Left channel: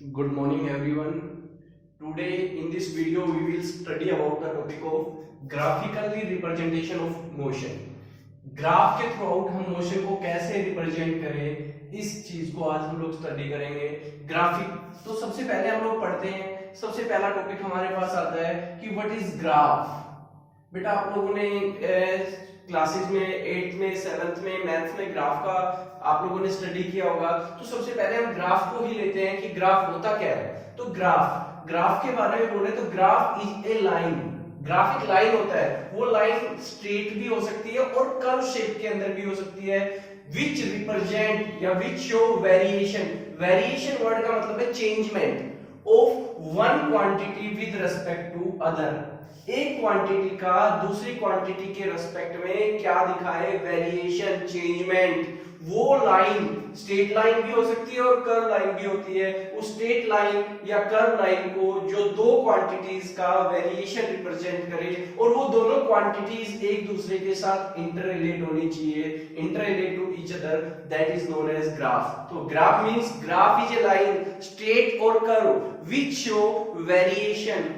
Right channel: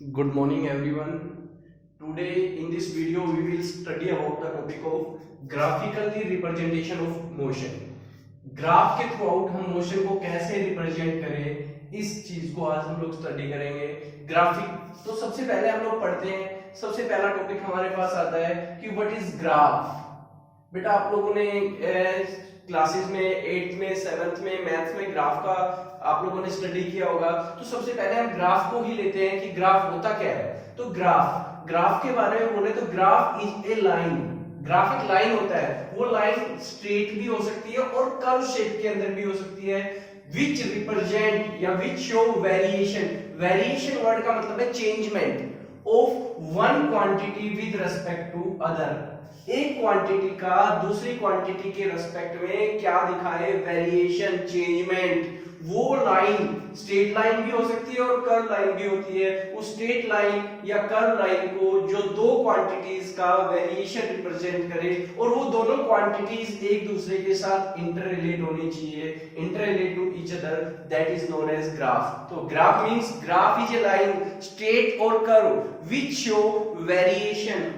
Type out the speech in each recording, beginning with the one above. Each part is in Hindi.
Good morning everyone. Today in this video we will study about the topic of graphically representation of motion. Graph के थ्रू आउट हम मोशन को कैसे रिप्रेजेंट करें इस चीज को आज हम लोग स्टडी करेंगे। ग्राफिक तो सबसे पहले हम लोग पढ़ते हैं। सबसे पहला टॉपिक हमारे पास आता है कि व्हाट इज ग्राफ। बेटा आप लोगों ने क्लासेस में 8th में 7th में मैथ्स में ग्राफ का आप लोगों ने स्टडी किया होगा। तो सबसे पहले हम ग्राफ को ही लेते हैं कि ग्राफ होता क्या है। तो ग्राफ के बारे में बोले तो graph is a line. Graph एक लाइन होता है, वो लाइन स्ट्रेट भी हो सकती है और कर्व शेप के अंदर भी हो सकती है। विच रिप्रेजेंट या which show variation. Variation word का मतलब है changement of one quantity with respect to other. एक क्वांटिटी का दूसरी क्वांटिटी के रिस्पेक्ट में क्या दिखाए, वेरिएशन, चेंजमेंट। वो लाइन स्ट्रेट लाइन भी हो सकती है और कर्व लाइन भी होती है। उस स्ट्रेट लाइन या कर्व लाइन को जो दो क्वांटिटीज का वेरिएशन रिप्रेजेंट करे और वो दोनों क्वांटिटीज एक दूसरे के साथ इंटर रिलेट होनी चाहिए, inter relate to each other, that is known as graph. तो graph means graph is a line straight और curve which show variation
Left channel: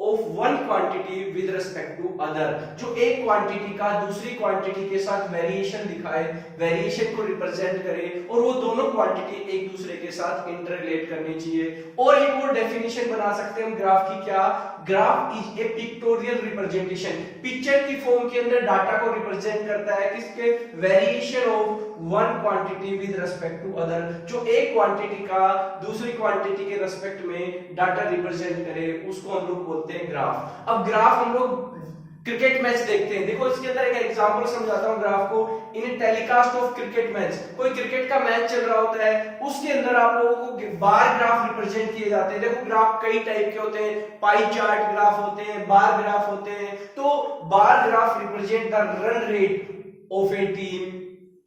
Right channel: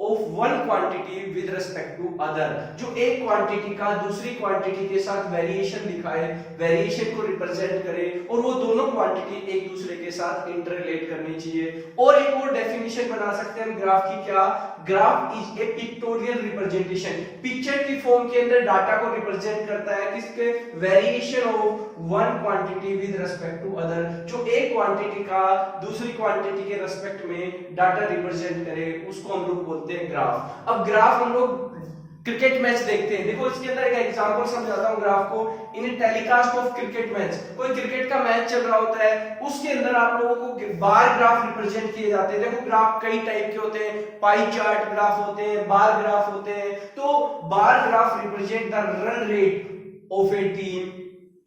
of one quantity with respect to other. जो एक क्वांटिटी का दूसरी क्वांटिटी के साथ वेरिएशन दिखाए, वेरिएशन को रिप्रेजेंट करे और वो दोनों क्वांटिटी एक दूसरे के साथ इंटर रिलेट करनी चाहिए। और एक और डेफिनेशन बना सकते हैं ग्राफ की, क्या? Graph is a pictorial representation. Picture की फॉर्म के अंदर डाटा को रिप्रेजेंट करता है किसके, variation of one quantity with respect to other. जो एक क्वांटिटी का दूसरी क्वांटिटी के रिस्पेक्ट में डाटा रिप्रेजेंट करे उसको हम लोग बोलते हैं ग्राफ। अब ग्राफ हम लोग क्रिकेट मैच देखते हैं। देखो इसके अंदर एक एग्जांपल समझाता हूं ग्राफ को। इन टेलीकास्ट ऑफ क्रिकेट मैच, कोई क्रिकेट का मैच चल रहा होता है, उसके अंदर आप लोगों को बार ग्राफ रिप्रेजेंट किए जाते हैं। देखो ग्राफ कई टाइप के होते हैं, पाई चार्ट ग्राफ होते हैं, बार ग्राफ होते हैं। तो bar graph represent the run rate of A team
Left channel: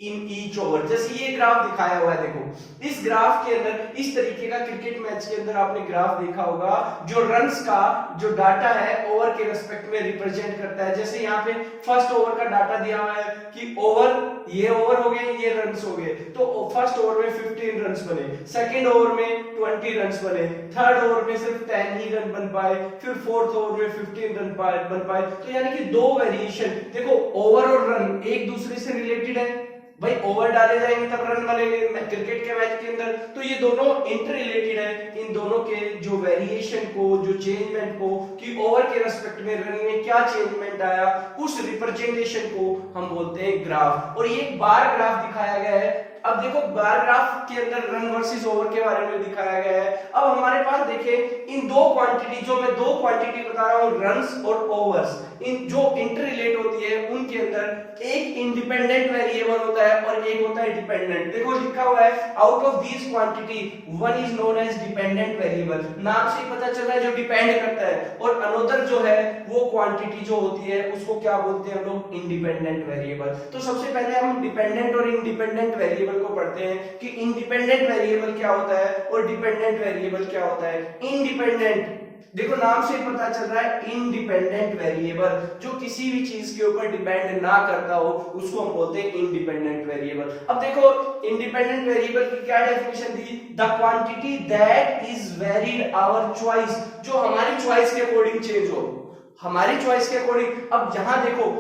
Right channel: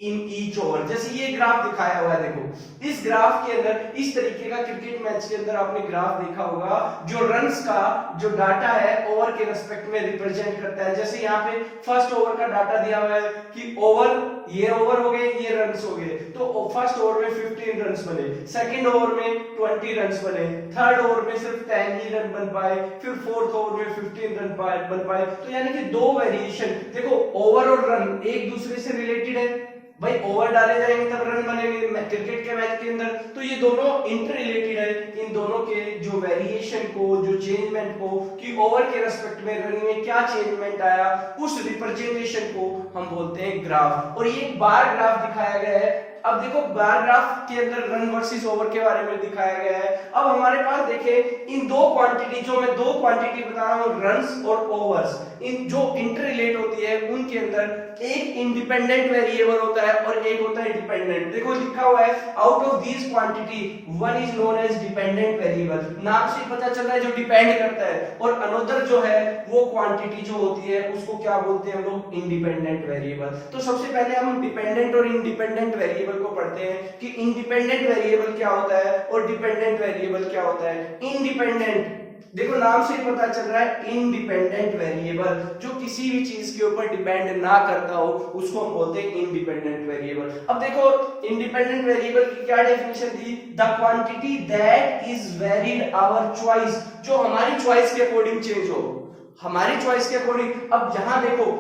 in each over. जैसे ये ग्राफ दिखाया हुआ है, देखो इस ग्राफ के अंदर इस तरीके का क्रिकेट मैच के अंदर आपने ग्राफ देखा होगा जो रन्स का जो डाटा है ओवर के रिस्पेक्ट में रिप्रेजेंट करता है। जैसे यहाँ पे फर्स्ट ओवर का डाटा दिया हुआ है कि ओवर, ये ओवर हो गए, ये रन्स हो गए। तो फर्स्ट ओवर में 15 रन्स बने, सेकंड ओवर में 20 रन्स बने, थर्ड ओवर में सिर्फ 10 ही रन बन पाए, फिर फोर्थ ओवर में 15 रन बन पाए। तो यानी कि दो वेरिएशन। देखो ओवर और रन एक दूसरे से रिलेटेड है भाई, ओवर डाले जाएंगे तब रन बनेंगे क्रिकेट के मैच के अंदर। तो ये दोनों इंटर रिलेटेड है। इन दोनों के जो वेरिएशन को, जो चेंजमेंट को, कि ओवर के रेस्पेक्ट में रन में क्या चेंजमेंट आया, उस रिप्रेजेंटेशन को हम बोलते हैं ग्राफ। और ये एक बार ग्राफ दिखाया गया है। अब देखो बार ग्राफ के अंदर रन वर्सेस ओवर के बारे में दिखाया गया है। अब हमारे पास देखे इन दो क्वांटिटी, जो मैं दो क्वांटिटी बता रहा हूं, रन्स और ओवर्स, इन जो इंटर रिलेट होती है उनके अंदर एक इंडिपेंडेंट वेरिएबल होता है और एक होता है डिपेंडेंट। देखो लिखा हुआ है out of these quantity one is known age dependent variable. नाम से पता चल रहा है जो डिपेंड करता है, और अनदर जो है वो क्वांटिटी जो होती है उसको क्या बोलते हैं हम लोग, इंडिपेंडेंट वेरिएबल। तो सबसे पहले हम डिपेंडेंट और इंडिपेंडेंट वेरिएबल को पढ़ते हैं कि इंडिपेंडेंट वेरिएबल क्या होता है और डिपेंडेंट वेरिएबल क्या होता है। इंडिपेंडेंट, देखो नाम से ही पता चल रहा है इंडिपेंडेंट वेरिएबल, जो किसी भी चीज के ऊपर डिपेंड ना करता हो उसको हम बोलते हैं इंडिपेंडेंट वेरिएबल। अब देखो इंडिपेंडेंट वेरिएबल की क्या डेफिनेशन दी, the quantity that is varied our choice, जो हमारी चॉइस के अकॉर्डिंग चेंज हो, हमारी चॉइस के अकॉर्डिंग। अब यहां देखो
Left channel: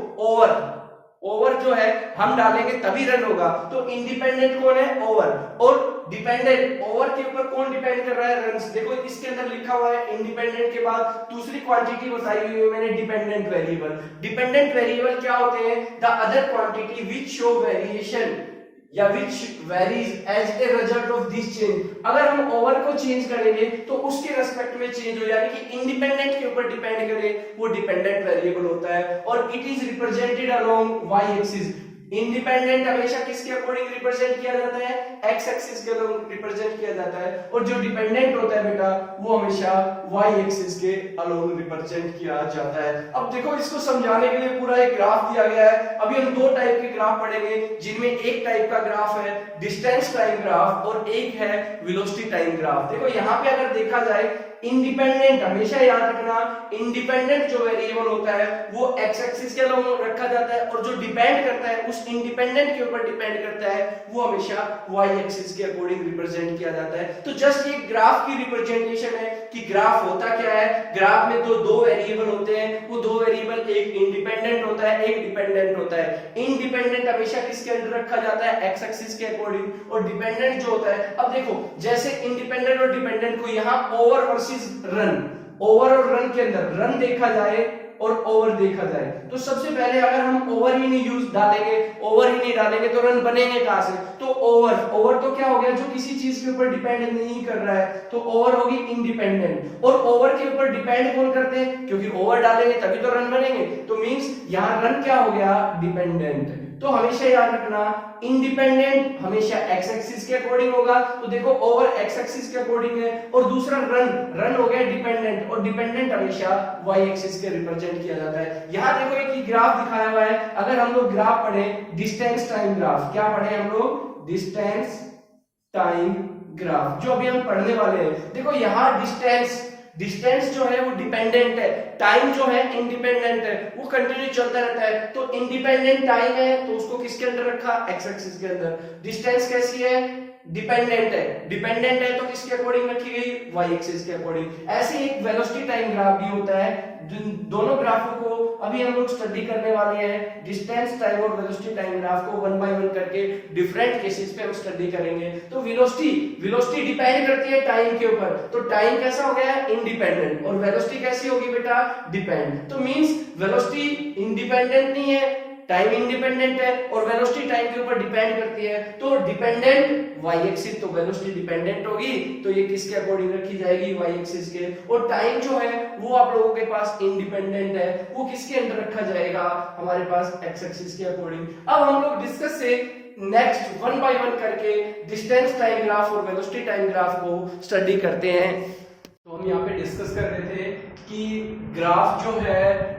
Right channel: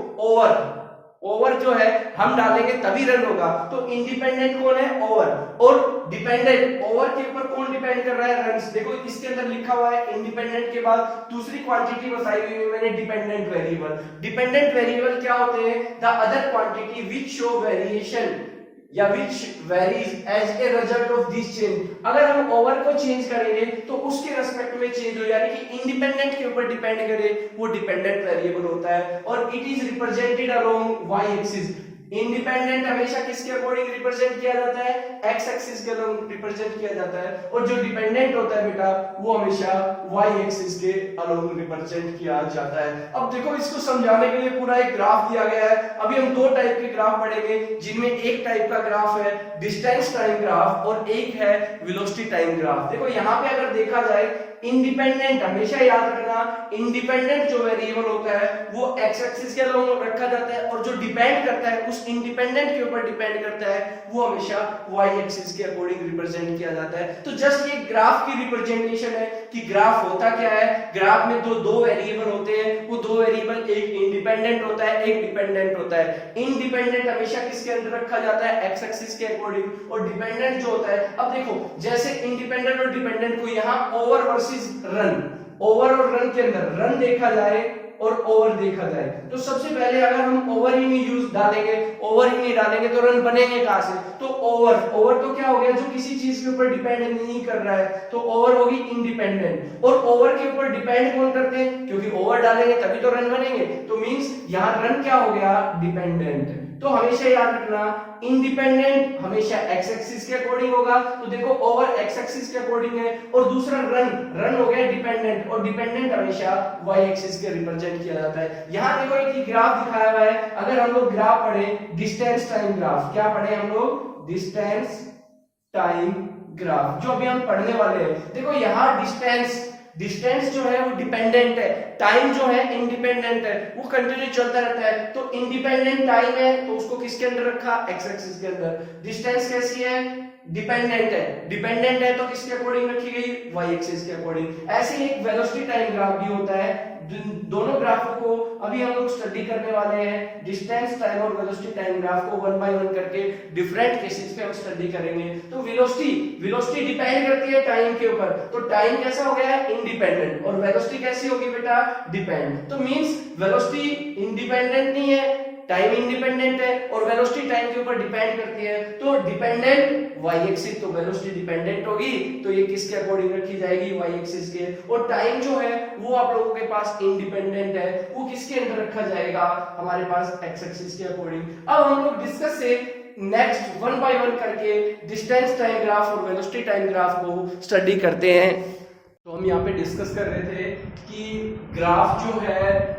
ओवर जो है हम डालेंगे तभी रन होगा। तो इंडिपेंडेंट कौन है, ओवर, और डिपेंडेंट, ओवर के ऊपर कौन डिपेंड कर रहा है, रन्स। देखो इसके अंदर लिखा हुआ है इंडिपेंडेंट के बाद दूसरी क्वांटिटी बताई हुई है मैंने, डिपेंडेंट वेरिएबल। डिपेंडेंट वेरिएबल क्या होते हैं, the other quantity which show variation या which varies as a result of this change। अगर हम ओवर को चेंज करेंगे तो उसके रेस्पेक्ट में चेंज हो, यानी कि इंडिपेंडेंट के ऊपर डिपेंड करे, वो डिपेंडेंट वेरिएबल होता है। और it is represented along Y axis. Independent हमेशा किसके अकॉर्डिंग रिप्रेजेंट किया जाता है, एक्स एक्सिस के अलोंग रिप्रेजेंट किया जाता है। और जो डिपेंडेंट होता है बेटा वो हमेशा वाई एक्सिस के अलोंग रिप्रेजेंट किया जाता है। अब देखो इसको समझाने के लिए पूरा एक ग्राफ दिया गया है। अभी हम दो टाइप के ग्राफ पढ़ेंगे, जिनमें एक टाइप का ग्राफ है डिस्टेंस टाइम ग्राफ और एक है वेलोसिटी टाइम ग्राफ। देखो यहाँ पे अगर देखा जाए इंडिपेंडेंट, हमेशा याद रखना इंडिपेंडेंट जो वेरिएबल होता है वो एक्स एक्सिस के अलोंग रखा जाता है, और जो डिपेंड करता है उस जिस इंडिपेंडेंट के ऊपर डिपेंड करता है वो हमेशा वाई एक्सिस के अकॉर्डिंग रिप्रेजेंट किया जाता है। तो जस्ट ये ग्राफ की रिप्रेजेंटेशन है कि ग्राफ होता क्या है। ग्राफ में तो दो वेरिएबल होते हैं, वो दो वेरिएबल एक इंडिपेंडेंट होता है, एक डिपेंडेंट होता है। इंडिपेंडेंट हमेशा किसके अंदर रखा जाता है, एक्स एक्सिस के अकॉर्डिंग, और डिपेंडेंट जो होता है, अब देखो जैसे इंडिपेंडेंट और डिपेंडेंट को यहाँ ओवर वर्सेस रन, ओवर और रन के अंदर रन देखा जाए और ओवर देखा जाए, तो सबसे पहले अगर हम ओवर ही नहीं यूज डालेंगे, ओवर ही नहीं डालेंगे तो रन बनेंगे कहां से। तो ओवर, ओवर तो क्या हो गया, जो किसी चीज के ऊपर डिपेंड नहीं कर रहा है, तो ओवर होगी इंडिपेंडेंट। और ओवर के ऊपर डिपेंड कौन करते हैं, क्योंकि ओवर डालेंगे तभी तो रन बनेंगे, तो मींस यहां रन क्या हो गया, डिपेंडेंट। तो हमेशा याद रखना इंडिपेंडेंट हमेशा एक्स एक्सिस के अकॉर्डिंग होगा, तो देखो ओवर एक्स एक्सिस के अकॉर्डिंग है, और दूसरा रन, रन हो गया डिपेंडेंट, और डिपेंडेंट हमेशा वाई एक्सिस के रिप्रेजेंट किया जाता है। यहां देखो एक ग्राफ दिखाया हुआ है, अगर हम लोग ग्राफ पढ़े डिस्टेंस टाइम ग्राफ, क्या पढ़े हम लोग, डिस्टेंस टाइम ग्राफ, जो अभी हम पढ़ने वाले हैं। देखो यहां डिस्टेंस, डिस्टेंस जो है वो डिपेंडेंट है, टाइम जो है इंडिपेंडेंट है, वो कंटिन्यू चलता रहता है। तो इंडिपेंडेंट टाइम है तो उसको किसके अंदर रखा, एक्स एक्सिस के अंदर। डिस्टेंस कैसी है, डिपेंडेंट है, डिपेंडेंट है तो किसके अकॉर्डिंग रखी गई, वाई एक्सिस के अकॉर्डिंग। ऐसे ही एक वेलोसिटी टाइम ग्राफ भी होता है। दोनों ग्राफों को अभी हम लोग स्टडी करने वाले हैं, डिस्टेंस टाइम और वेलोसिटी टाइम ग्राफ को वन बाय वन करके डिफरेंट केसेस पे हम स्टडी करेंगे। तो वेलोसिटी, वेलोसिटी डिपेंड करती है टाइम के ऊपर, तो टाइम कैसा हो गया, इंडिपेंडेंट, और वेलोसिटी कैसी होगी बेटा, डिपेंड। तो मींस वेलोसिटी इंडिपेंडेंट नहीं है, टाइम इंडिपेंडेंट है, और वेलोसिटी टाइम के ऊपर डिपेंड करती है। तो डिपेंडेंट वाई एक्सिस, तो वेलोसिटी डिपेंडेंट होगी, तो ये किसके अकॉर्डिंग रखी जाएगी, वाई एक्सिस के। और टाइम जो है वो आप लोगों के पास इंडिपेंडेंट है, वो किसके अंदर रखा जाएगा, हमारे पास एक्स एक्सिस के अकॉर्डिंग। अब हम लोग डिस्कस से नेक्स्ट वन बाय वन करके डिस्टेंस टाइम ग्राफ और वेलोसिटी टाइम ग्राफ को स्टडी करते हैं। तो हम यहाँ पे डिस्कस कर रहे थे कि ग्राफ जो है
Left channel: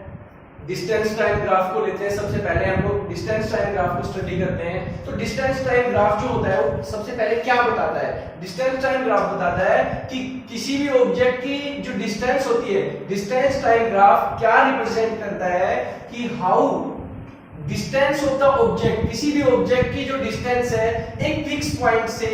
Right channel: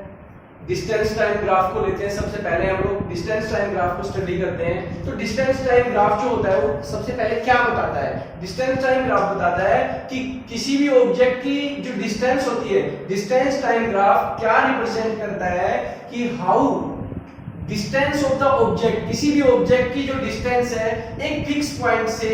डिस्टेंस टाइम ग्राफ को लेते हैं। सबसे पहले हम लोग डिस्टेंस टाइम ग्राफ को स्टडी करते हैं। तो डिस्टेंस टाइम ग्राफ जो होता है वो सबसे पहले क्या बताता है, डिस्टेंस टाइम ग्राफ बताता है कि किसी भी ऑब्जेक्ट की जो डिस्टेंस होती है, डिस्टेंस टाइम ग्राफ क्या रिप्रेजेंट करता है कि how distance of the object, किसी भी ऑब्जेक्ट की जो डिस्टेंस है एक फिक्स पॉइंट से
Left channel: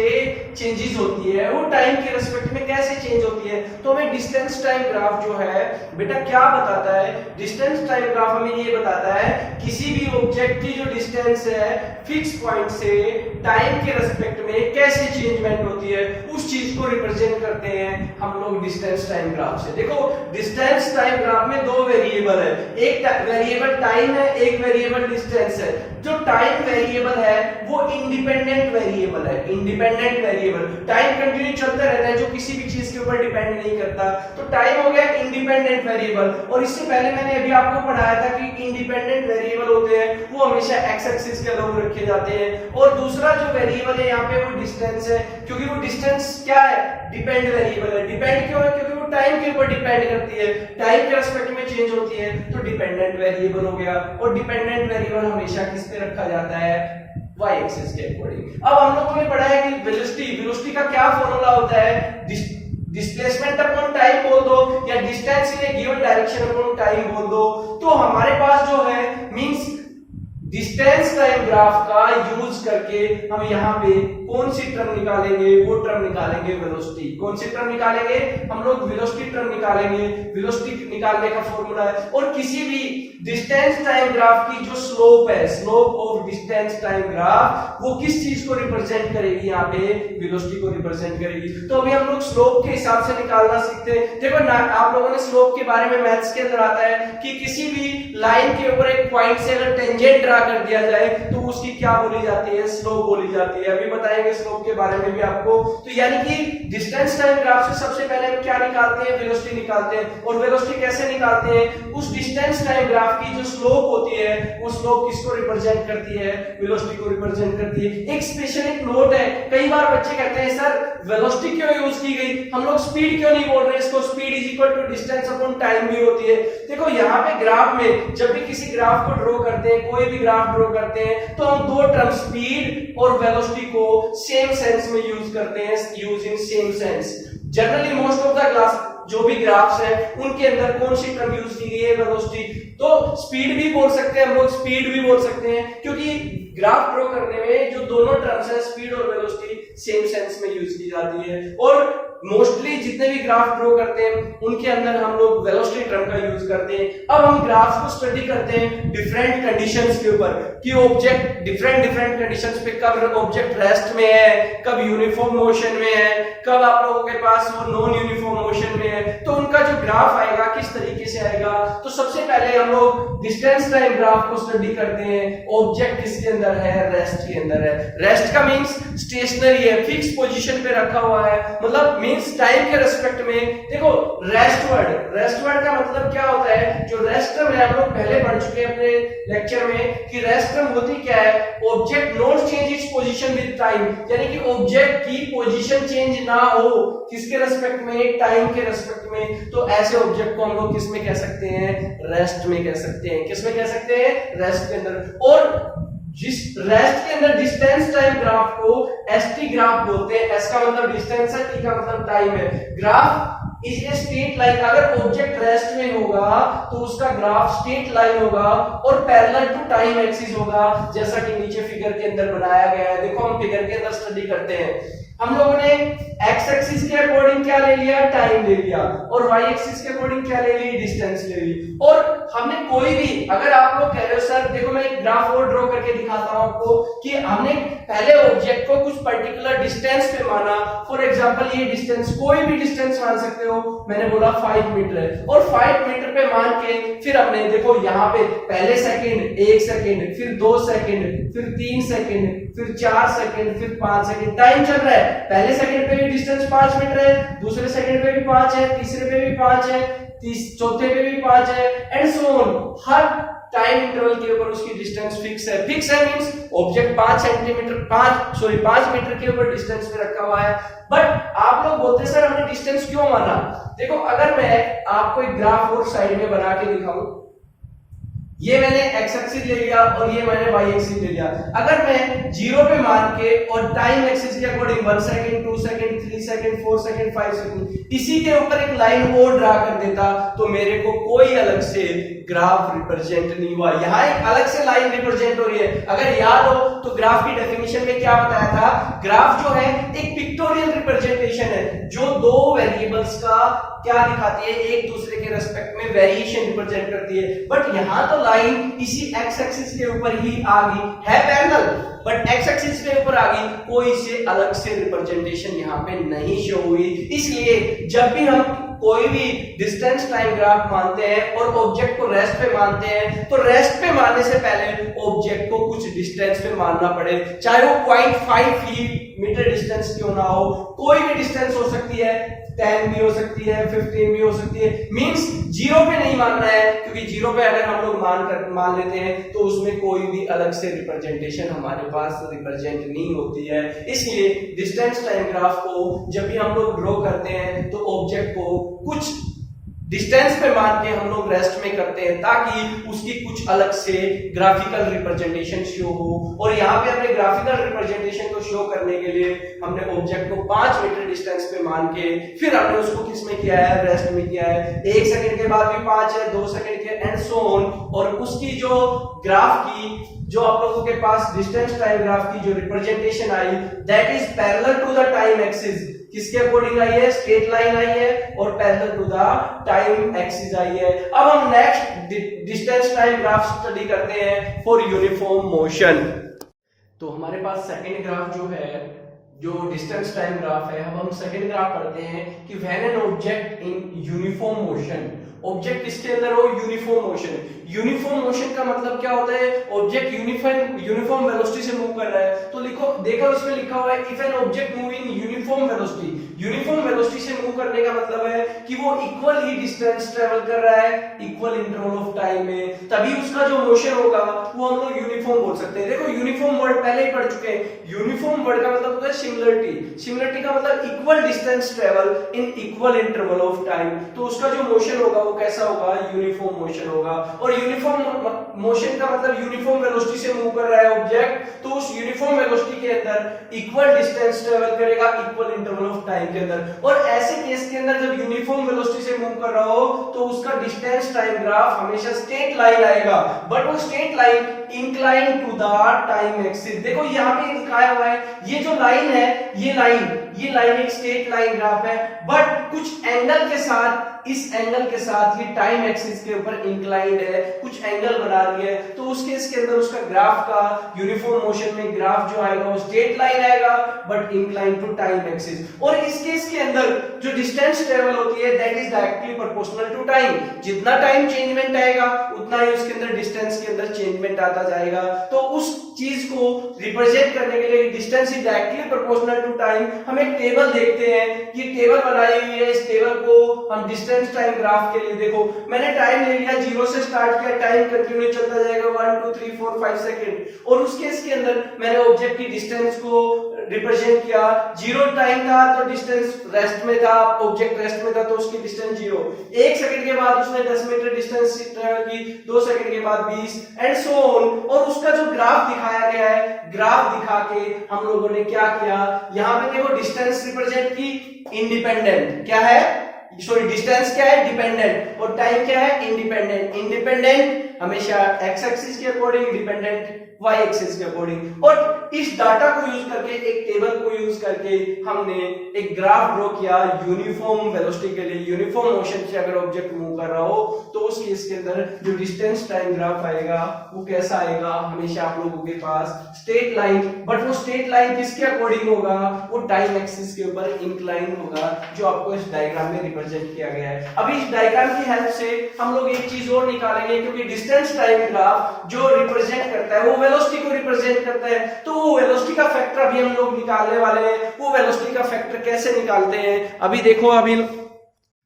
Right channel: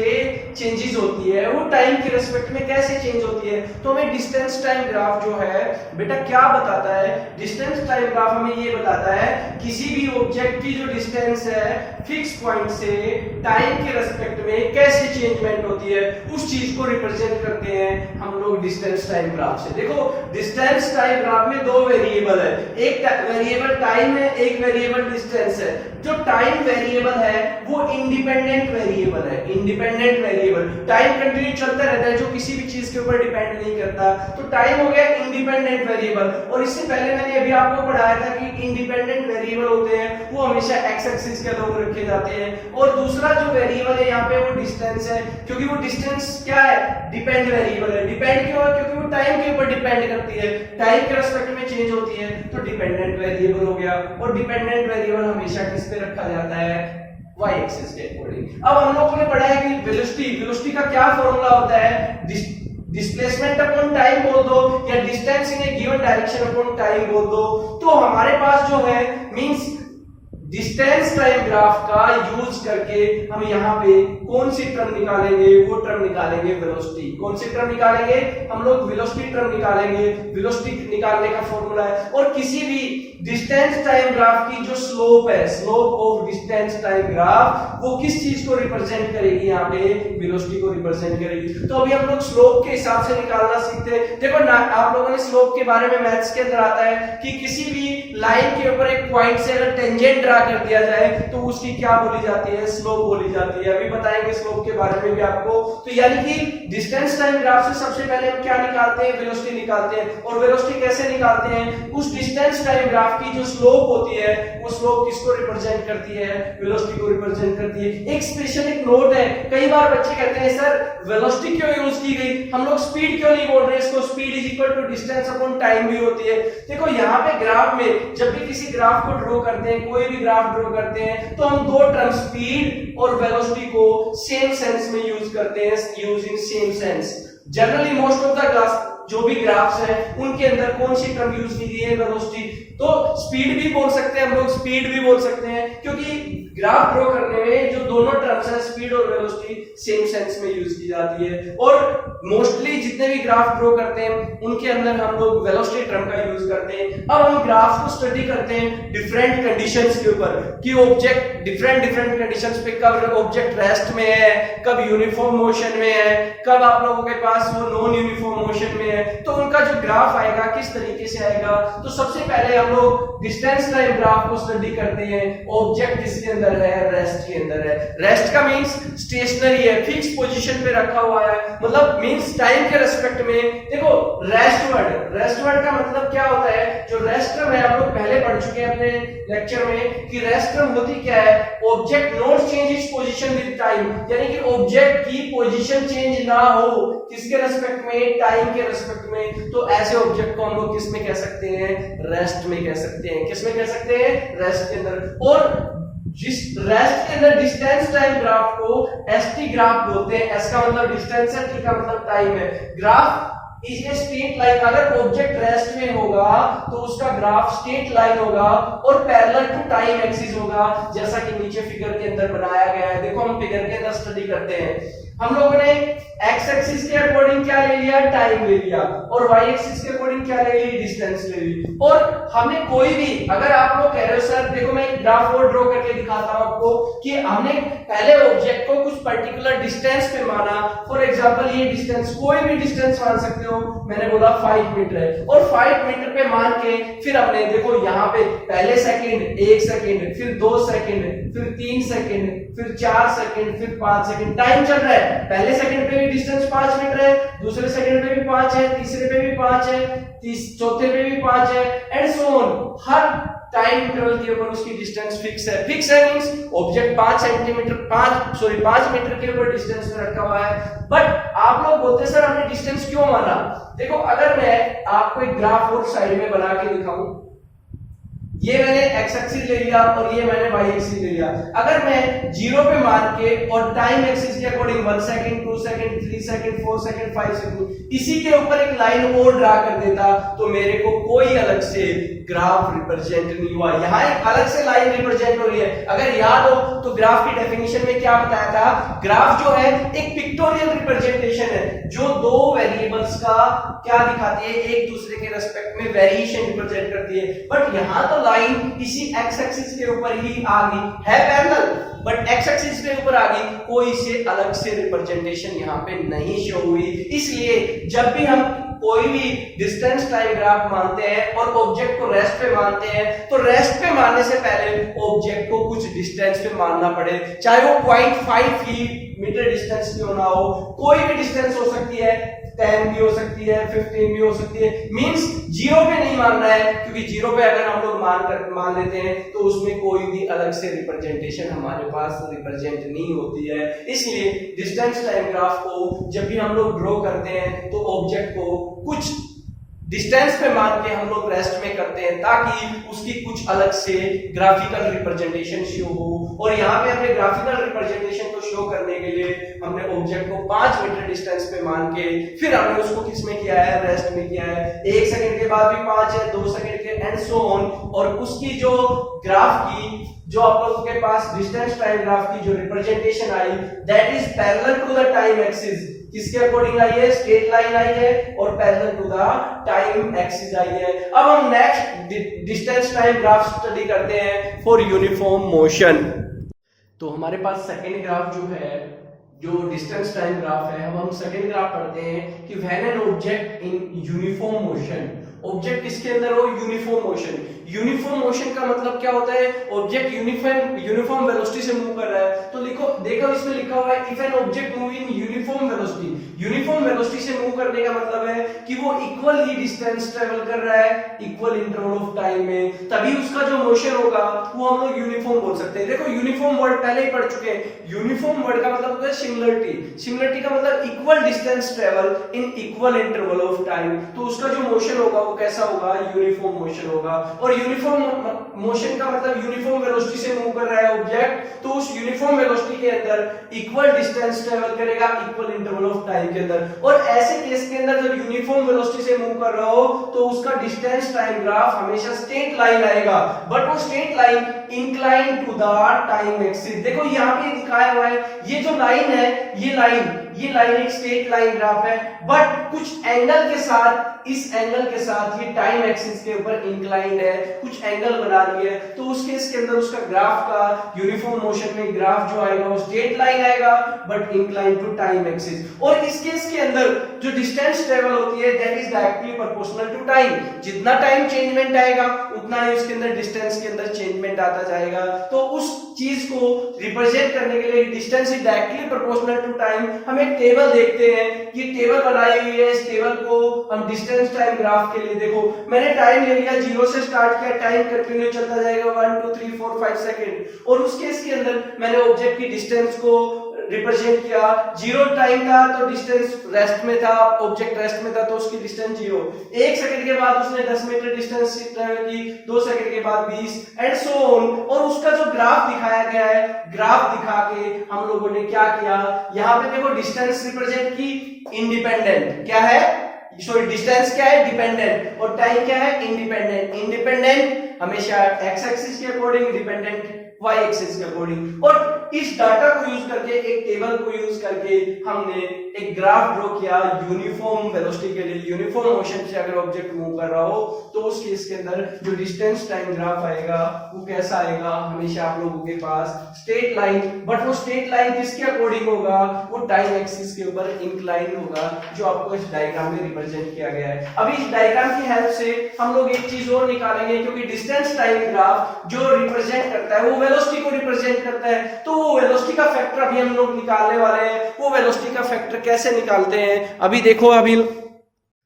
चेंजेस होती है, वो टाइम के रिस्पेक्ट में कैसे चेंज होती है। तो हमें डिस्टेंस टाइम ग्राफ जो है बेटा क्या बताता है, डिस्टेंस टाइम ग्राफ हमें ये बताता है किसी भी ऑब्जेक्ट की जो डिस्टेंस है फिक्स पॉइंट से टाइम के रिस्पेक्ट में कैसे चेंजमेंट होती है, उस चीज को रिप्रेजेंट करते हैं हम लोग डिस्टेंस टाइम ग्राफ से। देखो डिस्टेंस टाइम ग्राफ में दो वेरिएबल है, एक वेरिएबल टाइम है, एक वेरिएबल डिस्टेंस है। जो टाइम वेरिएबल है वो इंडिपेंडेंट वेरिएबल है, इंडिपेंडेंट वेरिएबल, टाइम कंटिन्यू चलता रहता है, जो किसी भी चीज के ऊपर डिपेंड नहीं करता। तो टाइम हो गया इंडिपेंडेंट वेरिएबल। और इससे पहले मैंने अभी आपको पढ़ाया था कि इंडिपेंडेंट वेरिएबल होते हैं वो हमेशा एक्स एक्सिस के अलॉन्ग रखे जाते हैं। और दूसरा जो वेरिएबल है यहाँ पे वो डिस्टेंस है, क्योंकि वो डिस्टेंस क्या है, डिपेंड वेरिएबल है। डिपेंड क्यों है, क्योंकि वो टाइम के ऊपर डिपेंड करती है, टाइम के रिस्पेक्ट में चेंज होती है, तो डिपेंडेंट वेरिएबल हो गया। और डिपेंडेंट वेरिएबल हमेशा किस पे रखा जाता है, y एक्सिस के अकॉर्डिंग। अब हम लोगों ने पढ़ा है कि वेलोसिटी, वेलोसिटी का क्या फॉर्मूला होता है, डिस्प्लेसमेंट अपॉन टाइम बोल दो या distance in A given direction upon time बोल दो। तो हमारे पास जो है मींस डिस्टेंस टाइम ग्राफ का यूज करके हम यहाँ पे कौन सी टर्म निकालेंगे, वो टर्म निकालेंगे वेलोसिटी। कौन सी टर्म निकालेंगे, हम लोग वेलोसिटी टर्म निकालेंगे। वेलोसिटी निकालने का फॉर्मूला है, और किसी भी डिस्टेंस टाइम ग्राफ की जो स्लोप है, slope of distance time graph, वो किस चीज को रिप्रेजेंट करेगी, यहाँ पे वेलोसिटी को रिप्रेजेंट करेगी। तो अभी हम लोग स्लोप के हिसाब से निकालना सीखते हैं। देखो आप लोगों ने स्लोप के बारे में मैथ्स के अंदर आता है कि किसी भी लाइन के ऊपर एक पॉइंट से अगर टेंजेंट ड्रा कर दिया जाए तो उसकी क्या बोली जाती है, स्लोप बोली जाती है। अभी बताएंगे स्लोप के बारे में भी आपको। तो यानी कि डिस्टेंस टाइम ग्राफ से सबसे पहले हम क्या निकालते हैं, वेलोसिटी निकालते हैं। और वेलोसिटी कैसे निकालते हैं, उस डिस्टेंस टाइम ग्राफ की जो स्लोप होती है वो स्लोप किसको रिप्रेजेंट करती है, वेलोसिटी को रिप्रेजेंट करती है। एक स्पेशल एक नोट है, कई बार बच्चे कहते हैं सर वेलोसिटी क्यों यूज की गई, हम लोग स्पीड क्यों नहीं बोल रहे, इसको speed is equal to distance upon time भी होती है। देखो यहाँ पे ग्राफ में जब भी किसी ग्राफ को ड्रॉ करते हैं, कोई भी ग्राफ ड्रॉ करते हैं, तो हम दो टर्म स्पीड और वेलोसिटी को सेम सेंस में यूज करते हैं, using same sense. Generally most of the जो भी ग्राफ्स है उनके अंदर कौन सी टर्म यूज की गई है, वेलोसिटी। तो स्पीड भी बोल सकते हैं हम लोग, स्पीड भी बोल सकते हैं, क्योंकि ग्राफ ड्रॉ करने में जो दोनों टर्म्स है स्पीड और वेलोसिटी सेम सेंस में यूज की जाती है। और मोस्टली जितने भी ग्राफ ड्रॉ करते हैं उनके अंदर हम लोग वेलोसिटी टर्म का यूज करते हैं। अब हम ग्राफ्स को स्टडी करते हैं डिफरेंट कंडीशंस के ऊपर कि ऑब्जेक्ट डिफरेंट कंडीशंस पे कब ऑब्जेक्ट रेस्ट में है, कब यूनिफॉर्म मोशन में है, कब आप लोगों के पास वो नॉन यूनिफॉर्म मोशन में है, तो उनका जो ग्राफ आएगा किस तरीके से आएगा। तो सबसे पहले हम लोग डिस्टेंस टाइम ग्राफ को स्टडी करते हैं। ऑब्जेक्ट किसके अंदर है, रेस्ट के अंदर है। रेस्ट का मींस स्टेशनरी है, फिक्स पोजीशन पे रखा हुआ है, मतलब मींस टाइम के रेस्पेक्ट में। देखो रेस्ट वर्ड का मतलब क्या होता है, जो रेस्ट टर्म है आप लोग पहले पढ़ चुके हैं अपने लेक्चर में कि रेस्ट टर्म होती क्या है, object not change its position with time, यानी कि ऑब्जेक्ट की पोजीशन चेंज ना हो किसके रेस्पेक्ट में, टाइम के रेस्पेक्ट में। तो ऐसे ऑब्जेक्ट को हम लोग किस में कह सकते हैं, रेस्ट में कह सकते हैं। किस में कह सकते हैं, रेस्ट के अंदर। और जिस रेस्ट के अंदर डिस्टेंस टाइम ग्राफ को एसटी ग्राफ बोलते हैं। एस का मतलब डिस्टेंस है, टी का मतलब टाइम है। Graph is a straight line, अगर ऑब्जेक्ट रेस्ट में होगा तो उसका ग्राफ स्ट्रेट लाइन होगा और पैरेलल टू टाइम एक्सिस होगा, जैसा कि नीचे फिगर के अंदर बनाया गया है। देखो हम फिगर के अंदर स्टडी करते हैं, हम लोगों ने एक्स एक्सिस के अकॉर्डिंग क्या ले लिया, टाइम ले लिया, और वाई एक्सिस के अकॉर्डिंग क्या ले ली, डिस्टेंस ले ली। और हमने कोई भी, अगर आप लोग कह रहे हो सर देखो मैं एक ग्राफ और ड्रॉ करके दिखाता हूं आपको कि हमने पहले ऑब्जेक्ट को कुछ पर्टिकुलर डिस्टेंस पे माना। फॉर एग्जांपल ये डिस्टेंस, कोई भी डिस्टेंस मान सकते हो, मैंने बोला 5 मीटर है, और 5 मीटर पे मान के फिर हमने देखो यहाँ पे पहले सेकंड 1 सेकंड, फिर 2 सेकंड, फिर 3 सेकंड, फिर 4 सेकंड, फिर 5 सेकंड टाइम चल रहा है। पहले सेकंड पे भी डिस्टेंस 5 मीटर है, दूसरे सेकंड पे भी 5 है, तीसरे पे भी 5 है, चौथे पे भी 5 है, and so on. Her time interval के ऊपर उसकी डिस्टेंस फिक्स है। फिक्स है मींस ऑब्जेक्ट 5 मीटर के ऊपर डिस्टेंस पे रखा हुआ है। बट आप लोग बोलते हैं सर हमने डिस्टेंस क्यों माना। देखो अगर मैं आपको एक ग्राफ और साइड में बना के दिखाऊं, ये मैंने एक्स एक्सिस ले लिया और ये मैंने वाई एक्सिस ले लिया। अगर मैं 0 पे मान के और टाइम एक्सिस के according 1 second, 2 second, 3 second, 4 second, 5 second इसी के ऊपर एक लाइन और ड्रा कर देता तो मेरे को कोई अलग से ग्राफ रिप्रेजेंट नहीं हुआ। यहां एक अलग से लाइन रिप्रेजेंट हो रही है। अगर याद हो तो ग्राफ की डेफिनेशन में क्या बताया था, ग्राफ जो है एक पिक्टोरियल रिप्रेजेंटेशन है जो दो वेरिएबल्स का क्या दिखाती है, एक दूसरे के रेस्पेक्ट में वेरिएशन रिप्रेजेंट करती है। बट यहां तो लाइन इसी एक्स एक्सिस के ऊपर ही आ गई है पैरेलल, बट एक्स एक्सिस के ऊपर आ गई, कोई से अलग से रिप्रेजेंटेशन यहां पे नहीं शो हुई। इसलिए जब भी हम कोई भी डिस्टेंस टाइम ग्राफ मानते हैं और ऑब्जेक्ट को रेस्ट पे मानते हैं, तो रेस्ट पे मानने से पहले ऑब्जेक्ट को कुछ डिस्टेंस पे मानना पड़े, चाहे वो 0.5 मीटर डिस्टेंस क्यों ना हो। कोई भी डिस्टेंस हो सकती है, 10 भी हो सकती है, 15 भी हो सकती है। मींस 0 पे नहीं मानना है, क्योंकि 0 पे अगर हम लोग मान लेते हैं तो उसमें कोई भी अलग से रिप्रेजेंटेशन हमारे पास रिप्रेजेंट नहीं होती है। इसलिए डिस्टेंस टाइम ग्राफ को जब भी हम लोग ड्रॉ करते हैं तो ऑब्जेक्ट को कुछ डिस्टेंस पे मान के हम लोग रेस्ट में करते हैं ताकि उसकी कुछ अलग से ग्राफिकल रिप्रेजेंटेशन शो हो। और यहाँ पे हमने ग्राफिकल रिप्रेजेंटेशन को शो करने के लिए हमने ऑब्जेक्ट को 5 मीटर डिस्टेंस पे मान के फिर हमने उसको किस में किया है, रेस्ट में किया है। 1 सेकंड के बाद भी 5 है, 2 सेकंड के एंड सो ऑन। और उसकी जो ग्राफ की जो आप लोगों के पास डिस्टेंस टाइम ग्राफ की जो रिप्रेजेंटेशन आई that is parallel to the time axis. किसके अकॉर्डिंग आई है, स्ट्रेट लाइन आई है और parallel to the time axis आई है। अब हम next distance time graph study करते हैं फॉर यूनिफॉर्म मोशन। तो हमारे पास सेकंड ग्राफ जो है, जो डिस्टेंस टाइम ग्राफ है, हम सेकंड ग्राफ पढ़ते हैं कि when an object in uniform motion, object किसके अंदर हो, यूनिफॉर्म मोशन। यूनिफॉर्म मोशन का मतलब क्या होता है, ऑब्जेक्ट यूनिफॉर्म वेलोसिटी से मूव कर रहा है। तो लिखो, देखो इसमें लिखा हुआ है if an object move in uniform velocity. Uniform velocity से मूव करने का मतलब है कि वो इक्वल ही डिस्टेंस ट्रेवल कर रहा है इक्वल इंटरवल ऑफ टाइम में, तभी उसका जो मोशन होगा वो हम लोग यूनिफॉर्म बोल सकते हैं। देखो यूनिफॉर्म वर्ड पहले ही पढ़ चुके हैं। यूनिफॉर्म वर्ड का मतलब होता है सिमिलरिटी। सिमिलरिटी का मतलब equal distance travel in equal interval of time. तो उसका जो मोशन होगा वो कैसा होगा, यूनिफॉर्म मोशन होगा। और यूनिफॉर्म मोशन का मतलब यूनिफॉर्म वेलोसिटी से मूव कर रहा है ऑब्जेक्ट, तो उस यूनिफॉर्म वेलोसिटी के अंदर इक्वल डिस्टेंस ट्रेवल करेगा equal interval of time time के अंदर। और ऐसे केस के अंदर जब यूनिफॉर्म वेलोसिटी से मूव कर रहा हो तो उसका डिस्टेंस टाइम ग्राफ हमेशा स्ट्रेट लाइन आएगा, बट वो straight line incline to the time axis. देखो यहाँ पे दिखाया हुआ है, ये जो लाइन है, ये लाइन एक स्ट्रेट लाइन ग्राफ है, बट कुछ एंगल के साथ, इस एंगल के साथ ये टाइम एक्सिस के ऊपर इंक्लाइंड है, कुछ एंगल बना रही है। तो उस केस के अंदर उसका ग्राफ का यूनिफॉर्म मोशन में ग्राफ जो आएगा वो स्ट्रेट लाइन आएगा, but inclined to time axis. और इस केस के अंदर जो डिस्टेंस ट्रेवल होती है that is directly proportional to time. जितना टाइम चेंजमेंट आएगा उतना ही उसके अंदर डिस्टेंस के अंदर चेंजमेंट आता जाएगा। तो उस चीज को रिप्रेजेंट करने के लिए distance is directly proportional to time. हम एक टेबल देखते हैं, ये टेबल बनाई हुई है, इस टेबल को हम डिस्टेंस टाइम ग्राफ के लिए, देखो मैंने टाइम ले लिया, 0 से स्टार्ट किया, टाइम कंटिन्यू चलता जाएगा 1 2 3 4 5 सेकंड। और उस केस के अंदर मैंने ऑब्जेक्ट की डिस्टेंस को रिप्रेजेंट किया, 0 टाइम था तो डिस्टेंस रेस्ट में था, ऑब्जेक्ट रेस्ट में था तो उसकी डिस्टेंस 0। 1 सेकंड के बाद उसने 10 मीटर डिस्टेंस ट्रेवल की, 2 सेकंड के बाद 20 एंड सो ऑन। और उसका जो ग्राफ दिखाया गया है, ग्राफ दिखा के हम लोगों ने क्या किया, यहाँ पे देखो डिस्टेंस रिप्रेजेंट की इंडिपेंडेंट, क्या है, सॉरी डिस्टेंस क्या है, डिपेंडेंट, और टाइम क्या है, इंडिपेंडेंट। इंडिपेंडेंट हमेशा एक्स एक्सिस के अकॉर्डिंग, डिपेंडेंट वाई एक्सिस के अकॉर्डिंग। और इस डाटा को यूज करके, एक टेबल को यूज करके हमने एक ग्राफ ड्रॉ किया यूनिफॉर्म वेलोसिटी के लिए। यूनिफॉर्म मोशन से अगर ऑब्जेक्ट मूव कर रहा हो तो उस केस के अंदर जो डिस्टेंस टाइम ग्राफ आएगा वो कैसा आएगा, हमेशा आप लोगों के पास स्ट्रेट लाइन, बट वो स्ट्रेट लाइन किसके अकॉर्डिंग होगा, वो टाइम एक्सिस के ऊपर इंक्लाइन होगा, जो आपको इस डायग्राम में रिप्रेजेंट किया गया है। अभी इस डायग्राम की हेल्प से हम लोग एक चीज और निकालेंगे, क्योंकि डिस्टेंस टाइम ग्राफ जो रिप्रेजेंट करता है वो वेलोसिटी को रिप्रेजेंट करता है। तो वो वेलोसिटी का फैक्टर अभी हम लोग निकालने वाले हैं। वो वेलोसिटी का फैक्टर कैसे निकालते हैं, अभी देखो। अभी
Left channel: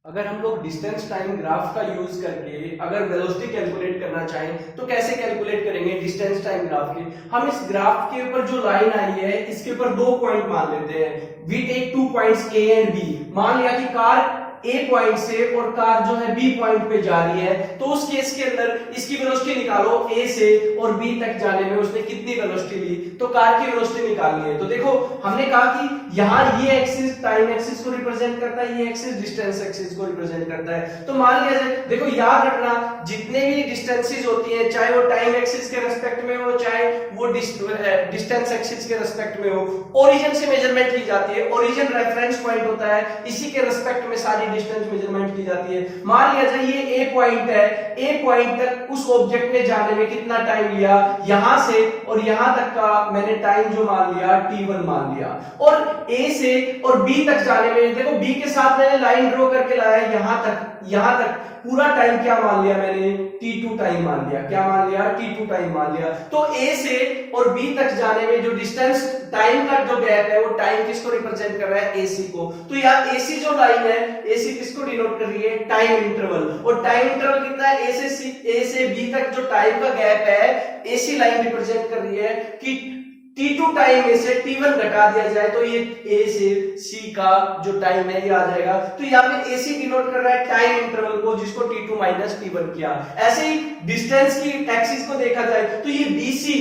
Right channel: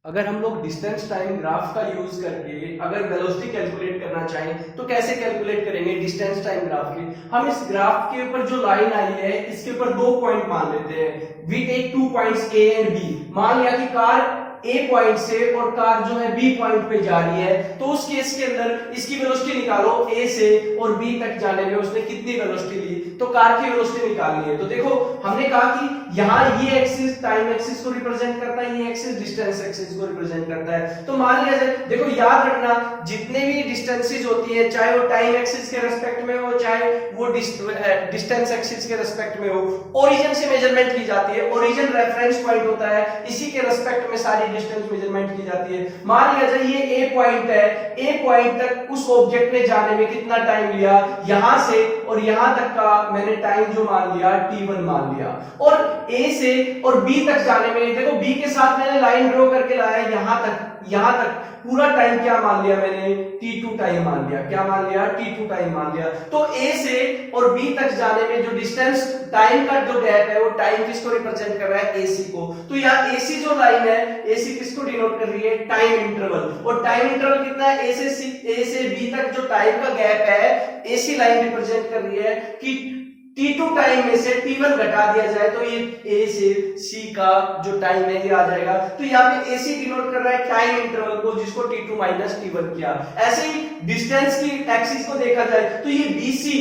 अगर हम लोग डिस्टेंस टाइम ग्राफ का यूज करके अगर वेलोसिटी कैलकुलेट करना चाहें तो कैसे कैलकुलेट करेंगे डिस्टेंस टाइम ग्राफ के। हम इस ग्राफ के ऊपर जो लाइन आई है इसके ऊपर 2 पॉइंट मान लेते हैं। We take 2 points A and B. मान लिया कि कार ए पॉइंट से और कार जो है बी पॉइंट पे जा रही है, तो उस केस के अंदर इसकी वेलोसिटी निकालो, ए से और बी तक जाने में उसने कितनी वेलोसिटी ली, तो कार की वेलोसिटी निकालनी है। तो देखो हमने कहा कि यहाँ ये एक्सिस टाइम एक्सिस को रिप्रेजेंट करता है, ये एक्सिस डिस्टेंस एक्सिस को रिप्रेजेंट करता है। तो मान लिया जाए, देखो याद रखना जितने भी डिस्टेंसेस होती है, चाहे वो टाइम एक्सिस के रेस्पेक्ट में हो, चाहे वो डिस्टेंस एक्सिस के रेस्पेक्ट में हो, ओरिजिन से मेजरमेंट की जाती है। ओरिजिन रेफरेंस पॉइंट होता है, इसी के रेस्पेक्ट में सारी डिस्टेंस मेजरमेंट की जाती है। मान लिया जाए ये ए पॉइंट है, ए पॉइंट तक उस ऑब्जेक्ट ने जाने में कितना टाइम लिया, यहां से और यहां तक का मैंने टाइम जो मान लिया t1 मान लिया। और ए से और बी तक जाने में, देखो बी के साथ मैंने लाइन ड्रॉ करके लाया, यहां तक पूरा टाइम क्या मान लिया मैंने, t2 टाइम मान लिया। क्या मान लिया, t2 टाइम मान लिया। तो a से और b तक जाने में जो डिस्टेंस टाइम का जो गैप है वो टाइम किसको रिप्रेजेंट कर रहा है, ac को। तो यहाँ ac जो लाइन है, ac किसको डिनोट कर रही है, टाइम इंटरवल। और टाइम इंटरवल कितना है, a से b तक जो टाइम का गैप है ac लाइन रिप्रेजेंट कर रही है कि t2 टाइम में से t1 घटा दिया जाए तो ये a से c का जो टाइम है ये आ जाएगा। तो यहाँ पे ac डिनोट कर रहा है टाइम इंटरवल को, जिसको t2 माइनस t1 किया। ऐसे ही डिस्टेंस की एक्सिस को देखा जाए तो ये bc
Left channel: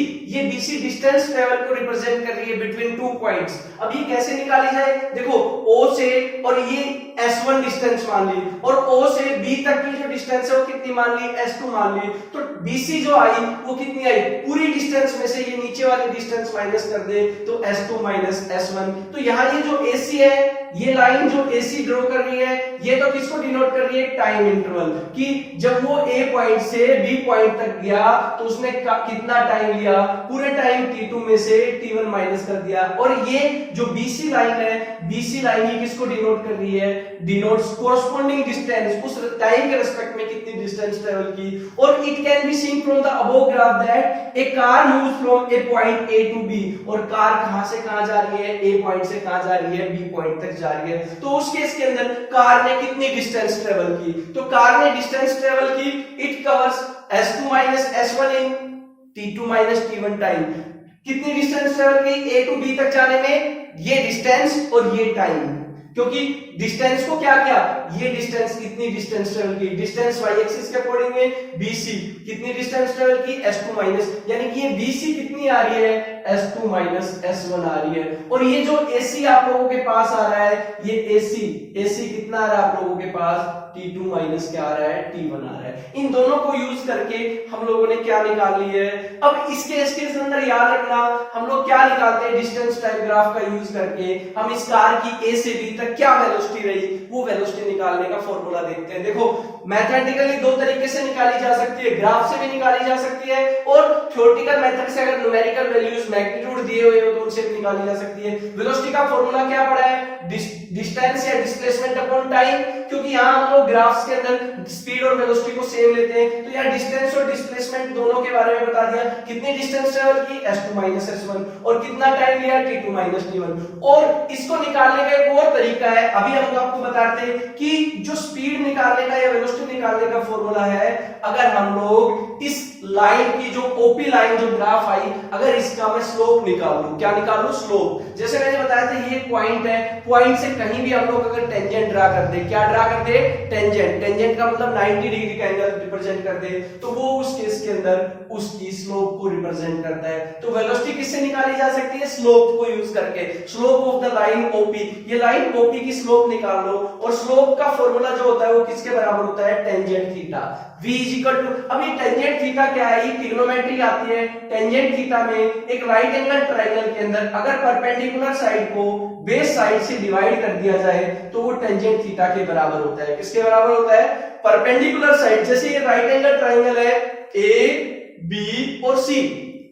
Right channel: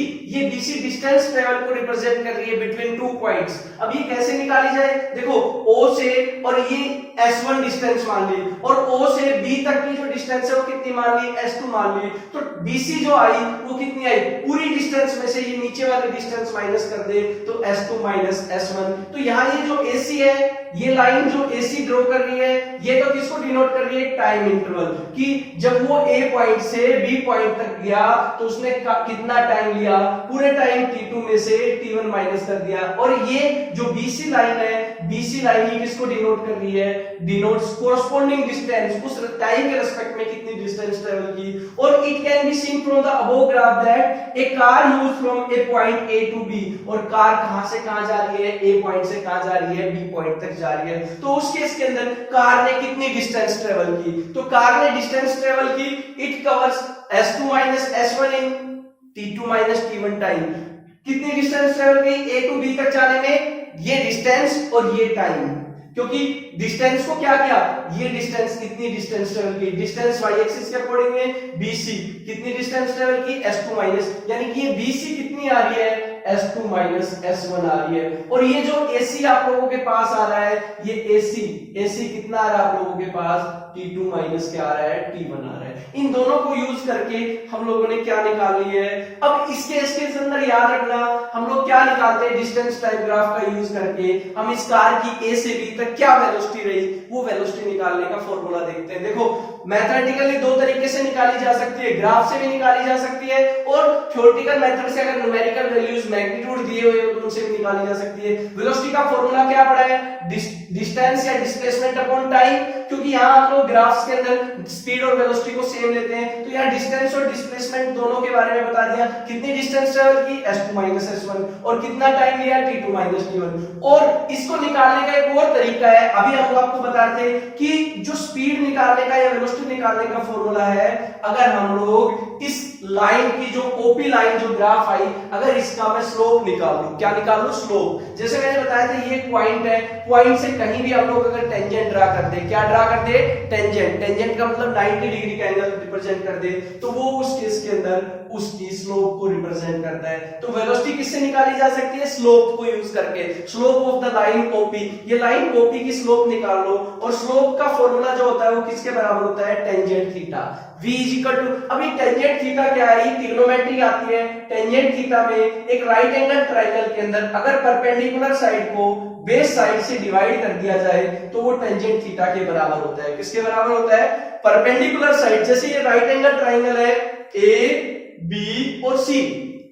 डिस्टेंस ट्रेवल को रिप्रेजेंट कर रही है बिटवीन 2 पॉइंट्स। अब ये कैसे निकाली जाए, देखो o से और ये s1 डिस्टेंस मान ली, और o से b तक की जो डिस्टेंस है वो कितनी मान ली, s2 मान ली। तो bc जो आई वो कितनी आई, पूरी डिस्टेंस में से ये नीचे वाली डिस्टेंस माइनस कर दे तो s2 माइनस s1। तो यहाँ ये जो ac है, ये लाइन जो ac ड्रॉ कर रही है, ये तो किसको डिनोट कर रही है, टाइम इंटरवल, कि जब वो a पॉइंट से b पॉइंट तक गया तो उसने कितना टाइम लिया, पूरे टाइम t2 में से t1 माइनस कर दिया। और ये जो bc लाइन है, bc लाइन ये किसको डिनोट कर रही है, डिनोट्स कोरस्पोंडिंग डिस्टेंस, उस टाइम के रिस्पेक्ट में कितनी डिस्टेंस ट्रेवल की। और it can be seen from the above graph that a car moves from a point a to b। और कार कहां से कहां जा रही है, a पॉइंट से कहां जा रही है, b पॉइंट तक जा रही है। तो उस केस के अंदर कार ने कितनी डिस्टेंस ट्रेवल की, तो कार ने डिस्टेंस ट्रेवल की, it covers s2 minus s1 in t2 minus t1 time. कितनी डिस्टेंस ट्रेवल की, a टू b तक जाने में, ये डिस्टेंस और ये टाइम। क्योंकि डिस्टेंस को क्या किया, ये डिस्टेंस कितनी डिस्टेंस ट्रेवल की, डिस्टेंस y एक्सिस के अकॉर्डिंग में bc कितनी डिस्टेंस ट्रेवल की, s2 माइनस, यानी कि ये bc कितनी आ रही है, S2 माइनस S1 आ रही है। और ये जो AC आप लोगों के पास आ रहा है, ये AC कितना आ रहा है आप लोगों के पास, T2 माइनस क्या आ रहा है, T1 आ रहा है। इन दोनों को यूज करके हम लोगों ने क्या निकाल ली है। अब इसके अंदर याद रखना, हम लोग क्या निकालते हैं, डिस्टेंस टाइम ग्राफ का यूज करके हम इस कार की A से B तक क्या वेलोसिटी रही, वो वेलोसिटी निकालने का फॉर्मूला देखते हैं। देखो मैथमेटिकली दो तरीके से निकाली जा सकती है, ग्राफ से भी निकाली जा सकती है और थ्योरेटिकल मेथड से, अगर न्यूमेरिकल वैल्यूज मैग्नीट्यूड दिए हुए हो तो उनसे भी निकाली जा सकती है। वेलोसिटी का फॉर्मूला क्या पड़ा है, डिस्टेंस या डिस्प्लेसमेंट अपॉन टाइम, क्योंकि यहाँ हम लोग ग्राफ्स के अंदर स्पीड और वेलोसिटी को सेम लेते हैं, तो यहाँ डिस्टेंस और डिस्प्लेसमेंट दोनों के बारे में बता दिया। कितनी डिस्टेंस ट्रेवल की, S2 माइनस S1, और कितना टाइम लिया, T2 माइनस T1। और इसको निकालने का एक और तरीका है, अभी हम आपको बताते हैं कि जो स्पीड निकालने का या वेलोसिटी निकालने का फॉर्मूला है, अगर हम लोग इस लाइन की जो ओपी लाइन जो ग्राफ आई, अगर इसका मैं स्लोप निकाल लूं, क्या निकाल लूं, स्लोप। जैसे मैंने बताया था ये पॉइंट है, पॉइंट से कहीं भी हम लोग अगर टेंजेंट ड्रा कर दे, क्या ड्रा कर दे, टेंजेंट। टेंजेंट का मतलब 90 डिग्री का एंगल रिप्रेजेंट कर दे, तो वो उस केस के अंदर उसकी स्लोप को रिप्रेजेंट करता है। तो वेलोसिटी किससे निकाली जा सकती है, स्लोप को यूज करके। Slope of the line OP, ये लाइन ओपी की स्लोप निकाल लो, और स्लोप का फॉर्मूला जो होता है वो किसके बराबर होता है, tangent theta. V equal to, अभी टेंजेंट थीटा क्या है, ये ट्रिग्नोमेट्री आती है। टेंजेंट थीटा में एक राइट एंगल ट्रायंगल के अंदर अगर परपेंडिकुलर साइड को बेस साइड से डिवाइड कर दिया जाए तो वो टेंजेंट थीटा के बराबर होता है। किसके बराबर होता है, परपेंडिकुलर साइड। जैसे ये राइट एंगल ट्रायंगल है A, B और C,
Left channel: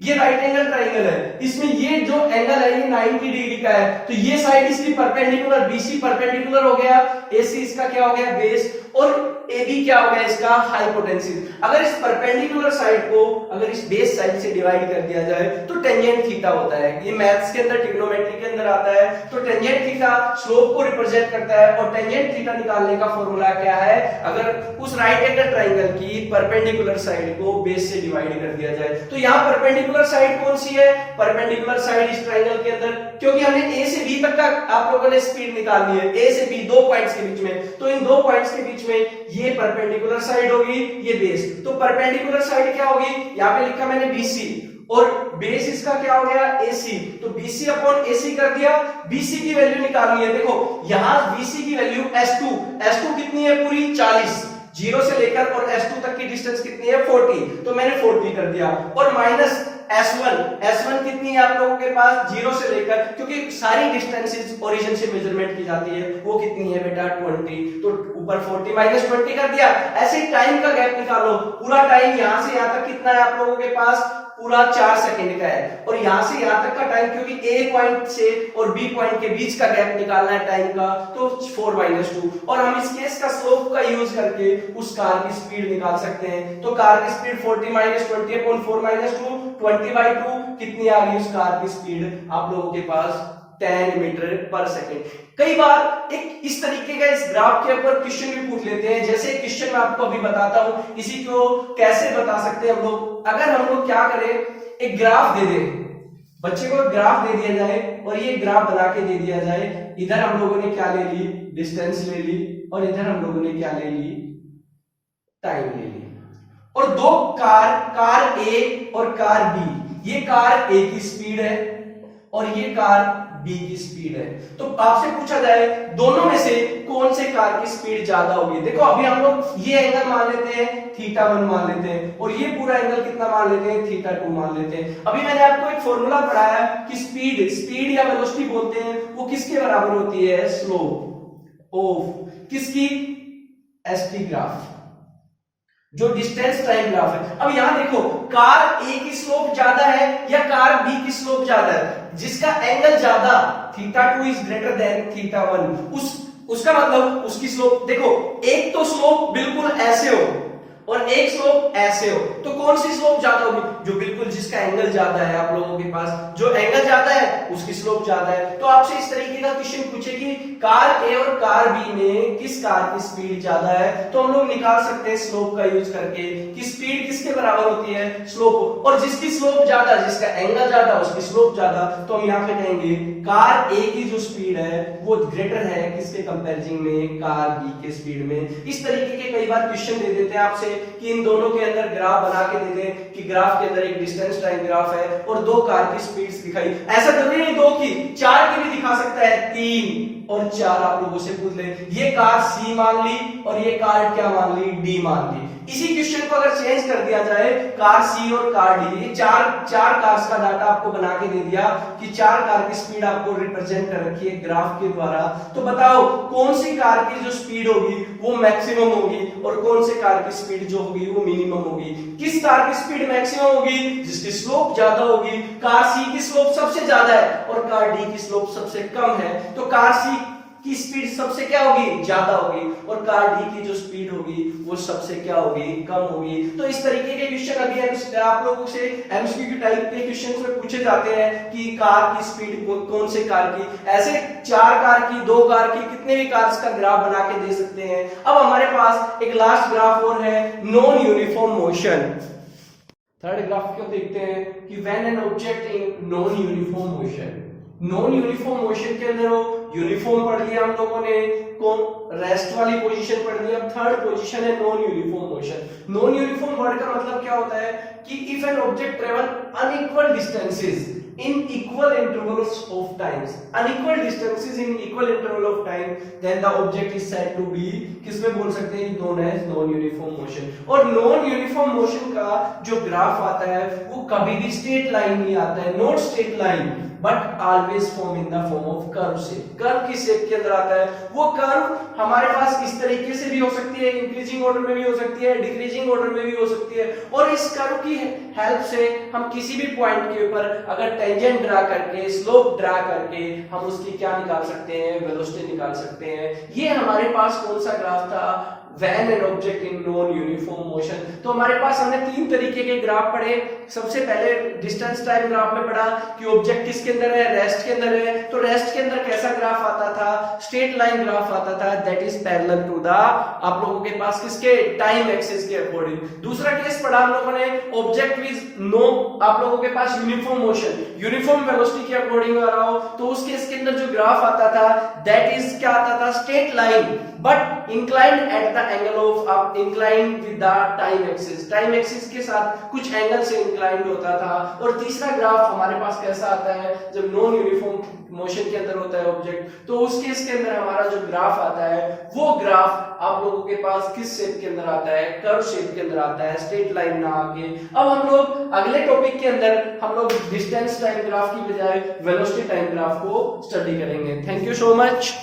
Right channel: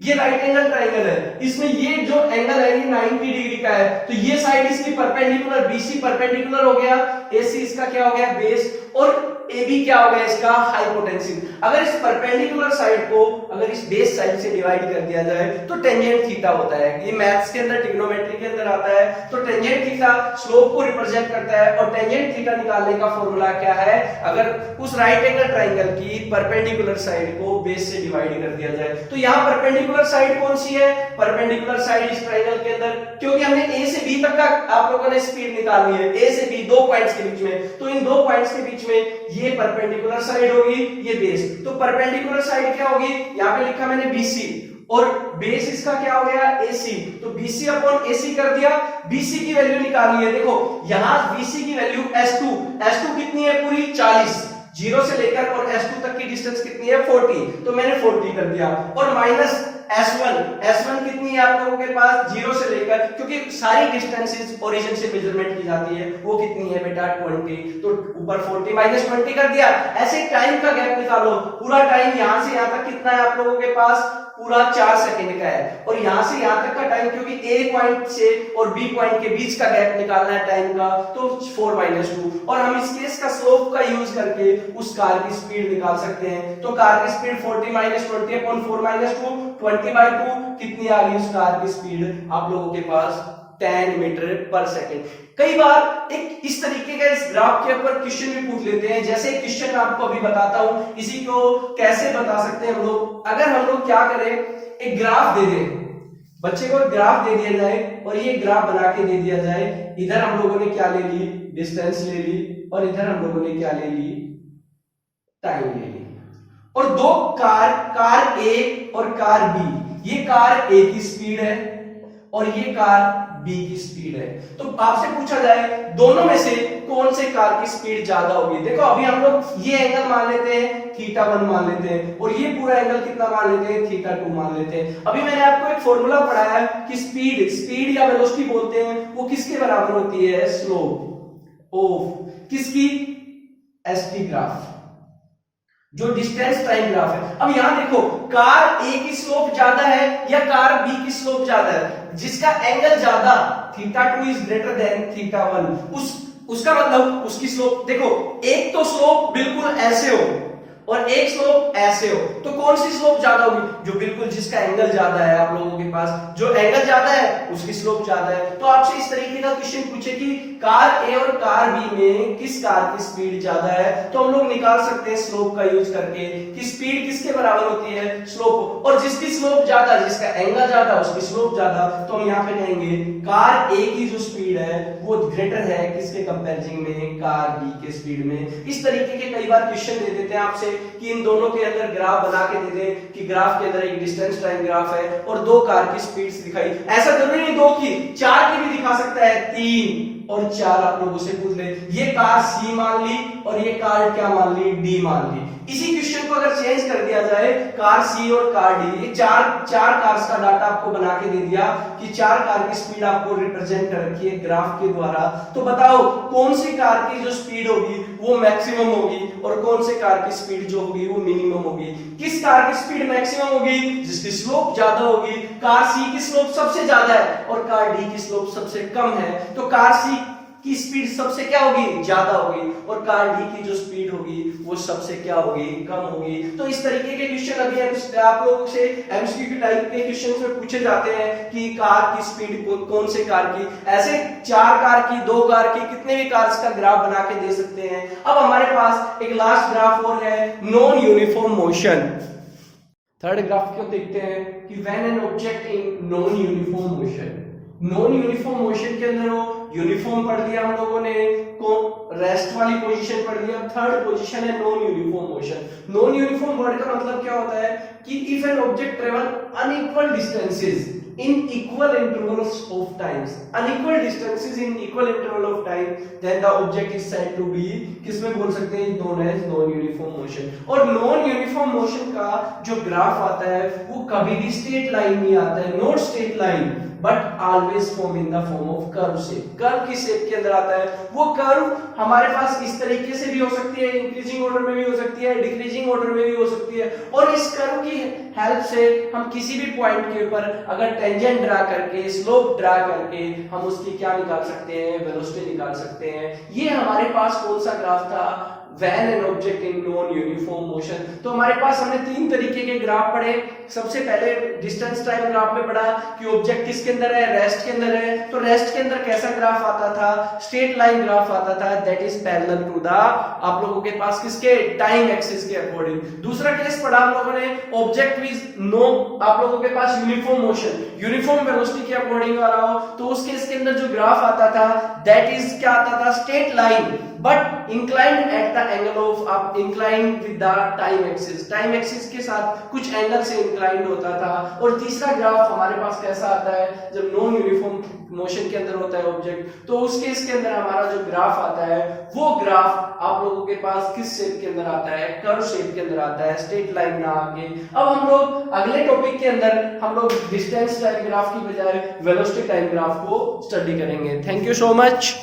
ये राइट एंगल ट्रायंगल है, इसमें ये जो एंगल है ये 90 डिग्री का है, तो ये साइड इसकी परपेंडिकुलर, BC परपेंडिकुलर हो गया, AC इसका क्या हो गया, बेस, और AB क्या हो गया, इसका हाइपोटेन्यूज। अगर इस परपेंडिकुलर साइड को अगर इस बेस साइड से डिवाइड कर दिया जाए तो टेंजेंट थीटा होता है। ये मैथ्स के अंदर, ट्रिग्नोमेट्री के अंदर आता है। तो टेंजेंट थीटा स्लोप को रिप्रेजेंट करता है, और टेंजेंट थीटा निकालने का फॉर्मूला क्या है, अगर उस राइट एंगल ट्रायंगल की परपेंडिकुलर साइड को बेस से डिवाइड कर दिया जाए। तो यहाँ परपेंडिकुलर साइड कौन सी है, परपेंडिकुलर साइड इस ट्रायंगल के अंदर, क्योंकि हमने A से B तक का आप लोगों ने स्पीड निकालनी है, A से B दो पॉइंट्स के बीच में, तो इन दो पॉइंट्स के बीच में ये परपेंडिकुलर साइड होगी, ये बेस। तो परपेंडिकुलर साइड क्या होगी, यहाँ पे लिखा मैंने BC, और बेस इसका क्या हो गया, AC। तो BC अपॉन AC कर दिया, BC की वैल्यू निकाली है। देखो यहाँ BC की वैल्यू S2 कितनी है, पूरी 40, 0 से लेकर और S2 तक की डिस्टेंस कितनी है, 40, तो मैंने 40 कर दिया, और माइनस S1 कितनी है आप लोगों के पास, 0 से लेकर, क्योंकि सारी डिस्टेंसेस ओरिजिन से मेजरमेंट की जाती है, वो कितनी है बेटा, 20, तो ऊपर 40 माइनस 20 कर दिया। ऐसे टाइम का गैप निकालो, पूरा टाइम यहां से यहां तक कितना है आप लोगों के पास, पूरा 4 सेकंड का है, और यहां से यहां तक का टाइम, क्योंकि A पॉइंट से और B पॉइंट के बीच का गैप निकालना है टाइम का, तो 4 माइनस 2, और हम इस केस का स्लोप का यूज करके उस कार की स्पीड निकाल सकते हैं। तो कार की स्पीड 40 माइनस 20 अपॉन 4 माइनस 2, 20/2, कितनी आ गई उस कार की स्पीड आप लोगों के पास, 10 मीटर पर सेकेंड। कई बार एक इस तरीके का इस ग्राफ के ऊपर क्वेश्चन भी पूछ लेते हैं, जैसे क्वेश्चन मैं आपको अभी बताता हूं, इसी को कैसे बता सकते हैं हम लोग। अगर हम लोग क्या करें, एक ग्राफ दे दें, बच्चे को ग्राफ दे दिया जाए और ये ग्राफ बना के दे दिया जाए, इधर हम लोगों ने क्या ले ली, डिस्टेंस ले ली, और इधर हम लोगों ने क्या ले ली, टाइम ले ली, और दो कार A और कार B, ये कार A की स्पीड है और ये कार B की स्पीड है। तो आपसे पूछा जाए दोनों में से कौन से कार की स्पीड ज्यादा होगी। देखो अभी हम लोग ये एंगल मान लेते हैं θ1 मान लेते हैं, और ये पूरा एंगल कितना मान लेते हैं, θ2 मान लेते हैं। अभी मैंने आपको एक फॉर्मूला पढ़ाया कि स्पीड या वेलोसिटी बोलते हैं, वो किसके बराबर होती है, स्लोप ऑफ किसकी, ST ग्राफ, जो डिस्टेंस टाइम ग्राफ है। अब यहां देखो, कार A की स्लोप ज्यादा है या कार B की स्लोप ज्यादा है, जिसका एंगल ज्यादा, θ2 इज ग्रेटर देन θ1, उसका मतलब उसकी स्लोप, देखो एक तो स्लोप बिल्कुल ऐसे हो और एक स्लोप ऐसे हो, तो कौन सी स्लोप ज्यादा होगी, जो बिल्कुल जिसका एंगल ज्यादा है आप लोगों के पास, जो एंगल ज्यादा है उसकी स्लोप ज्यादा है। तो आपसे इस तरीके का क्वेश्चन पूछे कि कार A और कार B में किस कार की स्पीड ज्यादा है, तो हम लोग निकाल सकते हैं स्लोप का यूज करके कि स्पीड किसके बराबर होती है, स्लोप, और जिसकी स्लोप ज्यादा, जिसका एंगल ज्यादा, उसकी स्लोप ज्यादा, तो हम यहाँ पे कहेंगे कार A की जो स्पीड है वो ग्रेटर है किसके कंपैरिजन में, कार B के स्पीड में। इस तरीके के कई बार क्वेश्चन दे देते हैं आपसे, कि इन दोनों के अंदर ग्राफ बना के दे दें कि ग्राफ के अंदर एक डिस्टेंस टाइम ग्राफ है और दो कार की स्पीड्स दिखाई, ऐसा जरूरी नहीं दो की, चार की भी दिखा सकता है, 3 और 4 आप लोगों से पूछ ले, ये कार C मान ली और ये कार क्या मान ली, D मान ली। इसी क्वेश्चन को अगर चेंज कर दिया जाए, कार C और कार D, ये चार कार्स का डाटा आपको बना के दे दिया कि चार कार की स्पीड आपको रिप्रेजेंट कर रखी है ग्राफ के द्वारा, तो बताओ कौन सी कार की जो स्पीड होगी वो मैक्सिमम होगी और कौन से कार की स्पीड जो होगी वो मिनिमम होगी। किस कार की स्पीड मैक्सिमम होगी, जिसकी स्लोप ज्यादा होगी, कार C की स्लोप सबसे ज्यादा है और कार D की स्लोप सबसे कम है, तो कार C की स्पीड सबसे क्या होगी, ज्यादा होगी, और कार D की जो स्पीड होगी वो सबसे क्या होगी, कम होगी। तो इस तरीके के क्वेश्चन अगेन आप लोगों से एमसीक्यू टाइप के क्वेश्चंस में पूछे जाते हैं कि कार की स्पीड कौन से कार की, ऐसे चार कार की, दो कार की, कितने भी कार्स का ग्राफ बना के दे सकते हैं। अब हमारे पास एक लास्ट ग्राफ और है, non uniform motion. Third graph को देखते हैं कि when an object in non uniform motion, non uniform motion के अंदर वो यूनिफॉर्म पढ़ लिया हम लोगों ने, कौन रेस्ट वाली पोजीशन पढ़ ली, अब थर्ड पोजीशन है non uniform motion. Non uniform word का मतलब क्या होता है कि if an object travel unequal distances in equal intervals of times, unequal distances in equal interval of time, then the object is said to be, किसमें बोल सकते हैं, known as non uniform motion। और non uniform motion का जो ग्राफ आता है वो कभी भी स्ट्रेट लाइन नहीं आता है, not straight line but always form in the form of curve shape. Curve की शेप के अंदर आता है, वो कर्व हमारे पास इस तरीके से भी हो सकती है, इंक्रीजिंग ऑर्डर में भी हो सकती है, डिक्रीजिंग ऑर्डर में भी हो सकती है, और इस कर्व की हेल्प से हम किसी भी पॉइंट के ऊपर अगर टेंजेंट ड्रा करके, स्लोप ड्रा करके हम उसकी क्या निकाल सकते हैं, वेलोसिटी निकाल सकते हैं। ये हमारे पास कौन सा ग्राफ था, when an object in non uniform motion. तो हमारे पास हमने तीन तरीके के ग्राफ पढ़े। सबसे पहले डिस्टेंस टाइम ग्राफ में पढ़ा कि ऑब्जेक्ट किसके अंदर है, रेस्ट के अंदर है, तो रेस्ट के अंदर कैसा ग्राफ आता था, स्ट्रेट लाइन ग्राफ आता था, that is parallel to the, आप लोगों के पास किसके, टाइम एक्सिस के अकॉर्डिंग। दूसरा केस पढ़ा हम लोगों ने, ऑब्जेक्ट विद नो, आप लोगों के पास यूनिफॉर्म मोशन, यूनिफॉर्म वेलोसिटी के अकॉर्डिंग आ रहा हो, तो उस केस के अंदर जो ग्राफ आता था दैट इज क्या आता था, straight line but inclined at the angle of, आप inclined with the time axis, time axis के साथ कुछ एंगल से इंक्लाइंड होता था। और तीसरा ग्राफ हमारे पास कैसा आता है, जब नॉन यूनिफॉर्म मोशन के अंदर होता है ऑब्जेक्ट, तो उस केस के अंदर हमारा जो ग्राफ आता है वो ग्राफ आप लोगों के पास किस शेप के अंदर आता है, कर्व शेप के अंदर आता है, स्ट्रेट लाइन ना आके। अब हम लोग अगले टॉपिक के अंदर हम लोग डिस्टेंस टाइम ग्राफ की बजाय वेलोसिटी टाइम ग्राफ को स्टडी करेंगे। Thank you so much.